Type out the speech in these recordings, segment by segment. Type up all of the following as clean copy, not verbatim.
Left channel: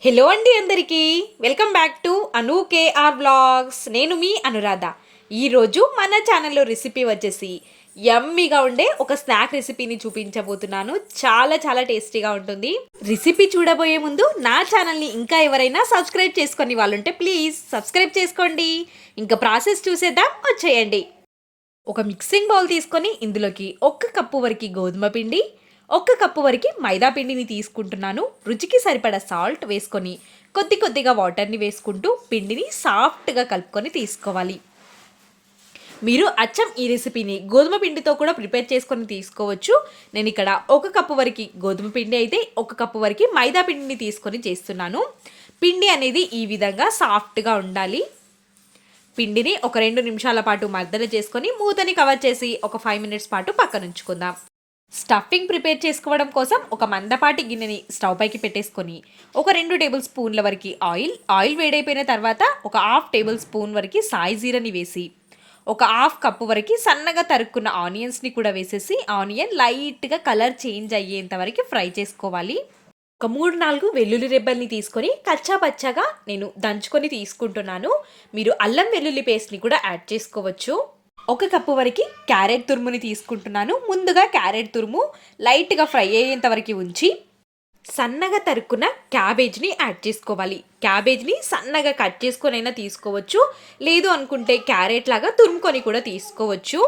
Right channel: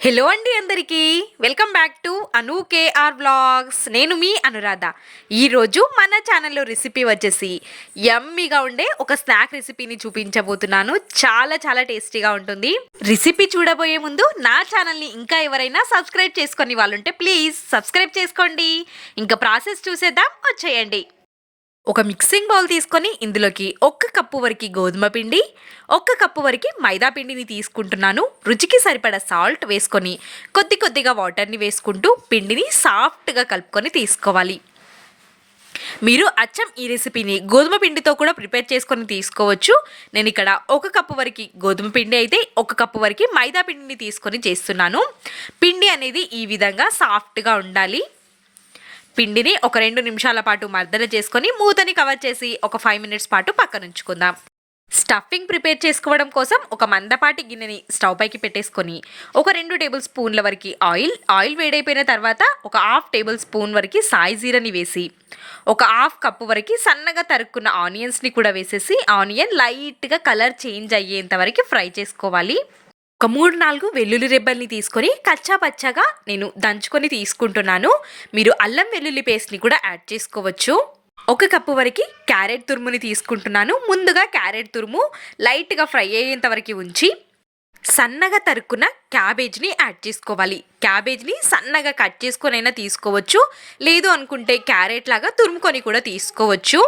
Hello అండి అందరికీ welcome back to Anu KR vlogs. నేను మీ అనురాధ. ఈరోజు మన ఛానల్లో రెసిపీ వచ్చేసి యమ్మీగా ఉండే ఒక స్నాక్ రెసిపీని చూపించబోతున్నాను. చాలా చాలా టేస్టీగా ఉంటుంది. రెసిపీ చూడబోయే ముందు నా ఛానల్ని ఇంకా ఎవరైనా సబ్స్క్రైబ్ చేసుకొని వాళ్ళుంటే ప్లీజ్ సబ్స్క్రైబ్ చేసుకోండి. ఇంకా ప్రాసెస్ చూసేద్దాం, వచ్చేయండి. ఒక మిక్సింగ్ బౌల్ తీసుకొని ఇందులోకి 1 కప్పు వరకు గోధుమ పిండి, 1 కప్పు వరకు మైదా పిండిని తీసుకుంటున్నాను. రుచికి సరిపడా సాల్ట్ వేసుకొని కొద్ది కొద్దిగా వాటర్ని వేసుకుంటూ పిండిని సాఫ్ట్గా కలుపుకొని తీసుకోవాలి. మీరు అచ్చం ఈ రెసిపీని గోధుమ పిండితో కూడా ప్రిపేర్ చేసుకొని తీసుకోవచ్చు. నేను ఇక్కడ 1 కప్పు వరకు గోధుమ పిండి అయితే 1 కప్పు వరకు మైదా పిండిని తీసుకొని చేస్తున్నాను. పిండి అనేది ఈ విధంగా సాఫ్ట్గా ఉండాలి. పిండిని ఒక 2 నిమిషాల పాటు మర్దన చేసుకొని మూతని కవర్ చేసి ఒక 5 మినిట్స్ పాటు పక్కన ఉంచుకుందాం. స్టఫింగ్ ప్రిపేర్ చేసుకోవడం కోసం ఒక మందపాటి గిన్నెని స్టవ్ పైకి పెట్టేసుకొని ఒక 2 టేబుల్ స్పూన్ల వరకు ఆయిల్ వేడైపోయిన తర్వాత ఒక 1/2 టేబుల్ స్పూన్ వరకు సాయి జీరని వేసి ఒక 1/2 కప్పు వరకు సన్నగా తరుక్కున్న ఆనియన్స్ని కూడా వేసేసి ఆనియన్ లైట్గా కలర్ చేంజ్ అయ్యేంత వరకు ఫ్రై చేసుకోవాలి. ఒక 3-4 వెల్లుల్లి రెబ్బల్ని తీసుకొని కచ్చా పచ్చగా నేను దంచుకొని తీసుకుంటున్నాను. మీరు అల్లం వెల్లుల్లి పేస్ట్ని కూడా యాడ్ చేసుకోవచ్చు. 1 కప్పు వరకు క్యారెట్ తురుముని తీసుకుంటున్నాను. ముందుగా క్యారెట్ తురుము లైట్గా ఫ్రై అయ్యేంత వరకు ఉంచి సన్నగా తరుక్కున్న క్యాబేజ్ని యాడ్ చేసుకోవాలి. క్యాబేజ్ని సన్నగా కట్ చేసుకొని అయినా తీసుకోవచ్చు, లేదు అనుకుంటే క్యారెట్ లాగా తురుముకొని కూడా తీసుకోవచ్చు.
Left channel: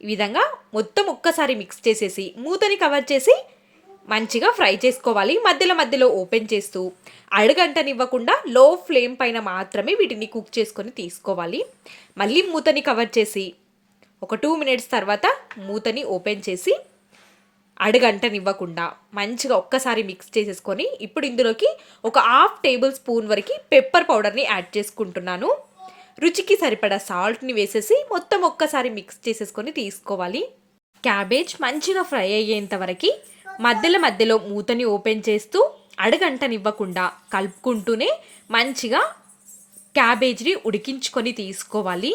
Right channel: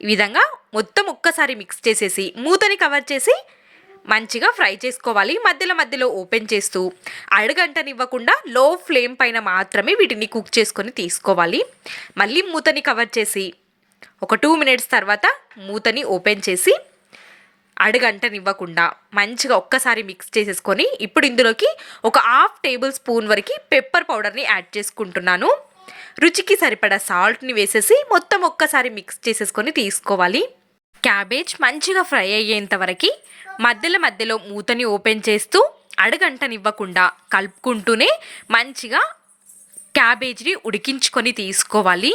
ఈ విధంగా మొత్తం ఒక్కసారి మిక్స్ చేసేసి మూతని కవర్ చేసి మంచిగా ఫ్రై చేసుకోవాలి. మధ్యలో మధ్యలో ఓపెన్ చేస్తూ అడుగంటనివ్వకుండా లో ఫ్లేమ్ పైన మాత్రమే వీటిని కుక్ చేసుకొని తీసుకోవాలి. మళ్ళీ మూతని కవర్ చేసి ఒక 2 మినిట్స్ తర్వాత మూతని ఓపెన్ చేసి అడుగంటనివ్వకుండా మంచిగా ఒక్కసారి మిక్స్ చేసేసుకొని ఇప్పుడు ఇందులోకి ఒక 1/2 టేబుల్ స్పూన్ వరకు పెప్పర్ పౌడర్ని యాడ్ చేసుకుంటున్నాను. రుచికి సరిపడా సాల్ట్ని వేసేసి మొత్తం ఒక్కసారి మిక్స్ చేసేసుకొని తీసుకోవాలి. క్యాబేజ్ మంచిగా ఫ్రై అయ్యేంత వరకు మధ్యలో మధ్యలో మూతని ఓపెన్ చేస్తూ అడుగంటనివ్వకుండా కలుపుకుంటూనే మంచిగా క్యాబేజ్ని ఉడికించుకొని తీసుకోవాలి.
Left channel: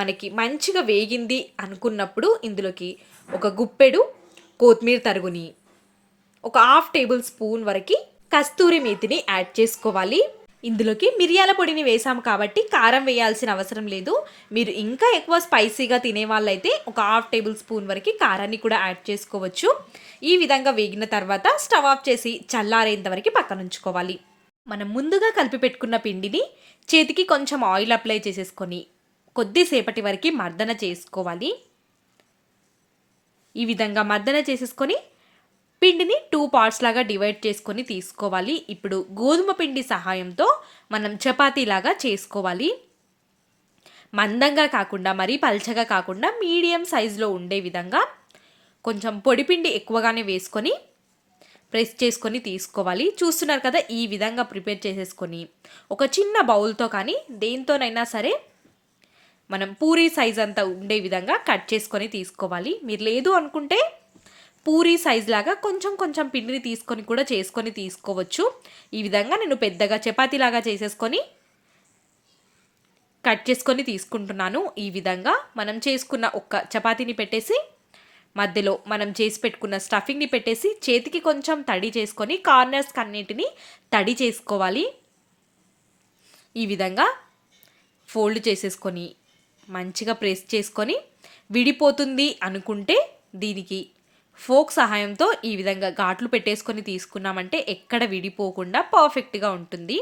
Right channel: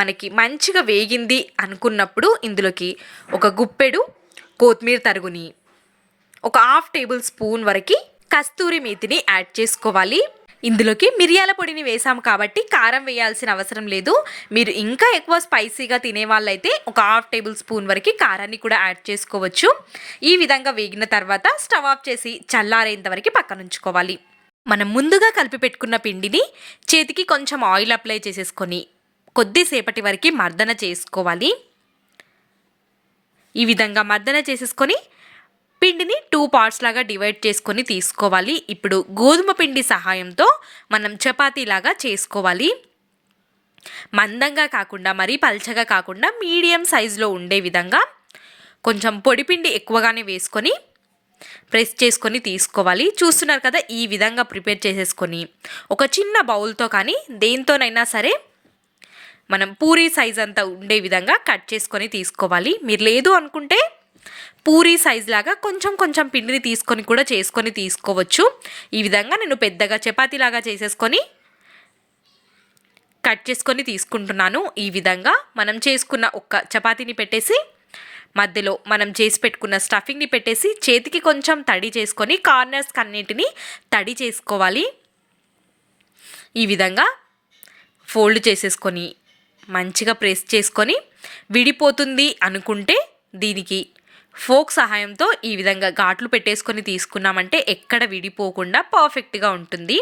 మనకి మంచిగా వేగింది అనుకున్నప్పుడు ఇందులోకి ఒక గుప్పెడు కొత్తిమీర తరుగుని, ఒక 1/2 టేబుల్ స్పూన్ వరకు కస్తూరి మేతిని యాడ్ చేసుకోవాలి. ఇందులోకి మిరియాల పొడిని వేసాము కాబట్టి కారం వేయాల్సిన అవసరం లేదు. మీరు ఇంకా ఎక్కువ స్పైసీగా తినే వాళ్ళైతే ఒక 1/2 టేబుల్ స్పూన్ వరకు కారాన్ని కూడా యాడ్ చేసుకోవచ్చు. ఈ విధంగా వేగిన తర్వాత స్టవ్ ఆఫ్ చేసి చల్లారేంత వరకు పక్కన ఉంచుకోవాలి. మనం ముందుగా కలిపి పెట్టుకున్న పిండిని చేతికి కొంచెం ఆయిల్ అప్లై చేసేసుకొని కొద్దిసేపటి వరకు మర్దన చేసుకోవాలి. ఈ విధంగా మర్దన చేసేసుకొని పిండిని 2 పార్ట్స్ లాగా డివైడ్ చేసుకొని తీసుకోవాలి. ఇప్పుడు గోధుమ పిండి సహాయంతో మనం చపాతీలాగా చేసుకోవాలి. మందంగా కాకుండా మరీ పల్చగా కాకుండా మీడియం సైజులో ఉండే విధంగా కొంచెం పొడిపిండి ఎక్కువగానే వేసుకొని ప్రెస్ చేసుకొని తీసుకోవాలి. చూస్తున్నారు కదా, ఈ విధంగా ప్రిపేర్ చేసేసుకొని ఒక చిన్న బౌల్తో కానీ దేంతోనైనా సరే మనం పూరీ సైజ్ అంతా ఉండే విధంగా కట్ చేసుకొని తీసుకోవాలి. మీరు లేదు అనుకుంటే పూరీ సైజ్ లాగా కొంచెం కొంచెం పిండిని తీసుకొని కూడా చేసుకొని తీసుకోవచ్చు. ఈ విధంగా నేను పెద్దగా చపాతీలాగా చేసేసుకొని కట్ చేసుకొని తీసుకుంటున్నాను. ఈ విధంగా మనం చేసుకున్న ఒక చపాతీని పెట్టేసి మధ్యలో మనం చేసి పెట్టుకున్న స్టఫింగ్ని పెట్టేసి చేతికి కొంచెం తడి చేసుకొని కార్నర్స్ అన్నిటిని తడి చేసుకోవాలి. ఈ విధంగా ఫోల్డ్ చేసేసుకొని మంచిగా ప్రెస్ చేసుకొని విడిపోతుంది అనుకుంటే దీనికి ఫోక్ సహాయంతో ఈ విధంగా ఘాట్లు పెట్టేసుకొని తీసుకున్నామంటే ఎక్కడ విడిపోకుండా పర్ఫెక్ట్గా ఉంటుంది.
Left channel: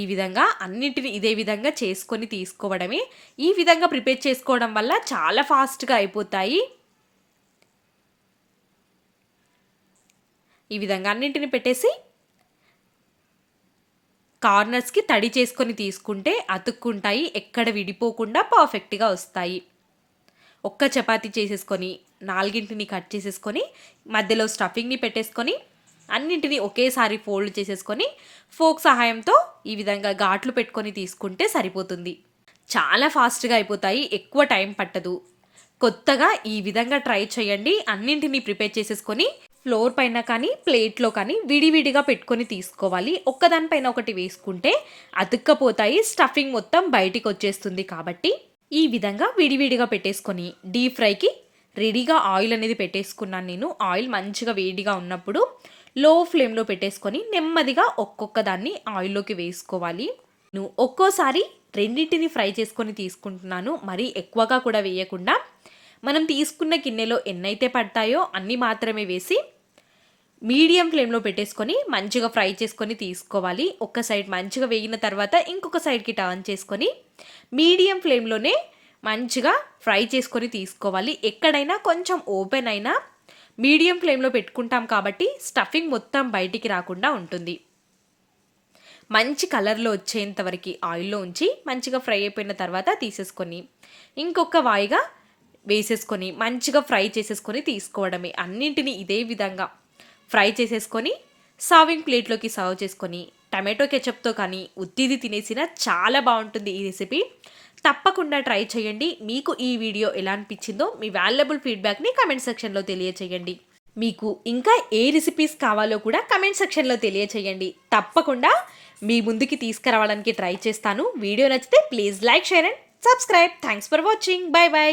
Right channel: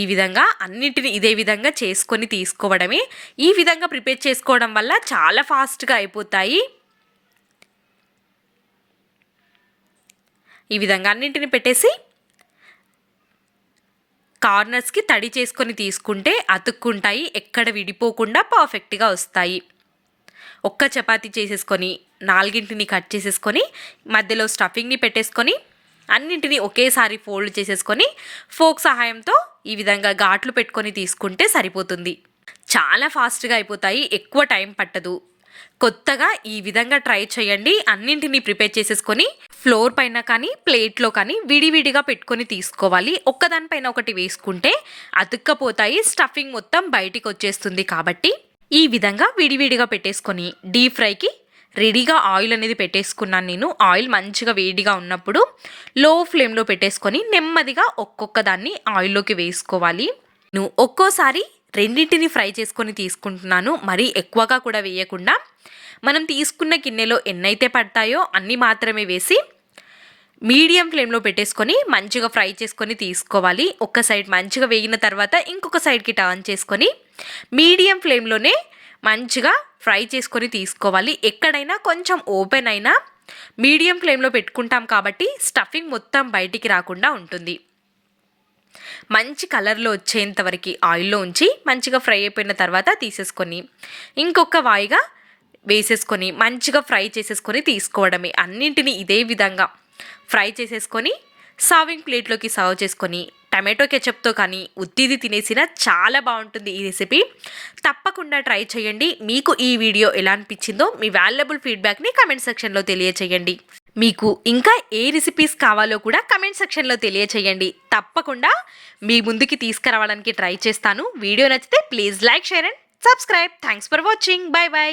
ఈ విధంగా అన్నిటిని ఇదే విధంగా చేసుకొని తీసుకోవడమే. ఈ విధంగా ప్రిపేర్ చేసుకోవడం వల్ల చాలా ఫాస్ట్గా అయిపోతాయి. ఈ విధంగా అన్నింటిని పెట్టేసి కార్నర్స్కి తడి చేసుకొని తీసుకుంటే అతుక్కుంటాయి, ఎక్కడ విడిపోకుండా పర్ఫెక్ట్గా వస్తాయి. ఒక్క చపాతీ చేసేసుకొని 4 కట్ చేసేసుకొని మధ్యలో స్టఫింగ్ని పెట్టేసుకొని అన్నింటినీ ఒకేసారి ఫోల్డ్ చేసేసుకొని ఫోక్ సహాయంతో ఈ విధంగా ఘాట్లు పెట్టుకొని తీసుకుంటే సరిపోతుంది. చాలా ఫాస్ట్గా అయిపోతాయి, ఎక్కువ టైం పట్టదు. కొత్తగా ఈ విధంగా ట్రై చేయండి. అన్నింటినీ ప్రిపేర్ చేసేసుకొని ఫ్లోర్ పైన కానీ ప్లేట్లో కానీ విడివిడిగా పెట్టుకొని తీసుకోవాలి. ఒక్కదానిపైన ఒకటి వేసుకుంటే అతుక్కపోతాయి, స్టఫింగ్ మొత్తం బయటికి వచ్చేస్తుంది. కాబట్టి ఈ విధంగా విడివిడిగా పెట్టేసుకొని డీప్ ఫ్రైకి రెడీగా ఆయిల్ అనేది పెట్టేసుకున్నాను నేను. ఆయిల్ మంచిగా వేడిగా ఉన్నప్పుడు లో ఫ్లేమ్లో పెట్టేసుకొని నెమ్మదిగా ఒక్కొక్క దాన్ని ఆయిల్లోకి వేసుకోవాలి. నేను ఒక్కోసారి రెండింటిని ఫ్రై చేసుకొని తీసుకుంటున్నాను, మరీ ఎక్కువగా కూడా వేయకుండా. మనం తీసుకున్న గిన్నెలో ఎన్నైతే పడతాయో అన్నీ మాత్రమే వేసి మీడియం ఫ్లేమ్లో పెట్టేసుకొని మంచిగా ఫ్రై చేసుకొని తీసుకోవాలి. ఒక సైడ్ మంచిగా వేగిన తర్వాత ఇంకొక సైడ్కి టర్న్ చేసుకొని మీడియం ఫ్లేమ్లోనే మంచిగా ఫ్రై చేసుకొని తీసుకోవాలి. ఎక్కడైనా కొంచెం ఓపెన్ అయినా మీడియం ఫ్లేమ్లో పెట్టుకుంటాం కాబట్టి స్టఫింగ్ మొత్తం బయటికి రాకుండా ఉంటుంది. మంచి కలర్లో వచ్చేంత వరకు ఆయిల్లో ఉంచి మంచిగా ఫ్రై అయిపోయిన తర్వాత తీసేసుకొని ఇంకొక వాయిగా వేసేసుకొని మంచిగా ఫ్రై చేసేసుకొని తీసుకోవడమే. అన్నింటినీ ఇదే విధంగా ఫ్రై చేసేసుకొని సర్వింగ్ ప్లేట్లోకి సర్వ్ చేసుకొని టమాటో కెచప్తో కానీ ఉత్తిది తినేసినా చాలా బాగుంటుంది ఈ రెసిపీ. తప్పకుండా ట్రై చేయండి. మీకు ఈ వీడియో ఎలా అనిపించిందో మీ వాల్యుబుల్ ఫీడ్బ్యాక్ని కమెంట్ సెక్షన్లో తెలియచేయండి. మీకు ఇంకా ఏ రెసిపీస్ కావాలో కూడా కమెంట్ సెక్షన్లో తెలియచేయండి. తప్పకుండా మీ ముందుకి తీసుకురావడానికి ట్రై చేస్తాను. వీడియో నచ్చితే please like, share and subscribe. Thanks for watching. By by.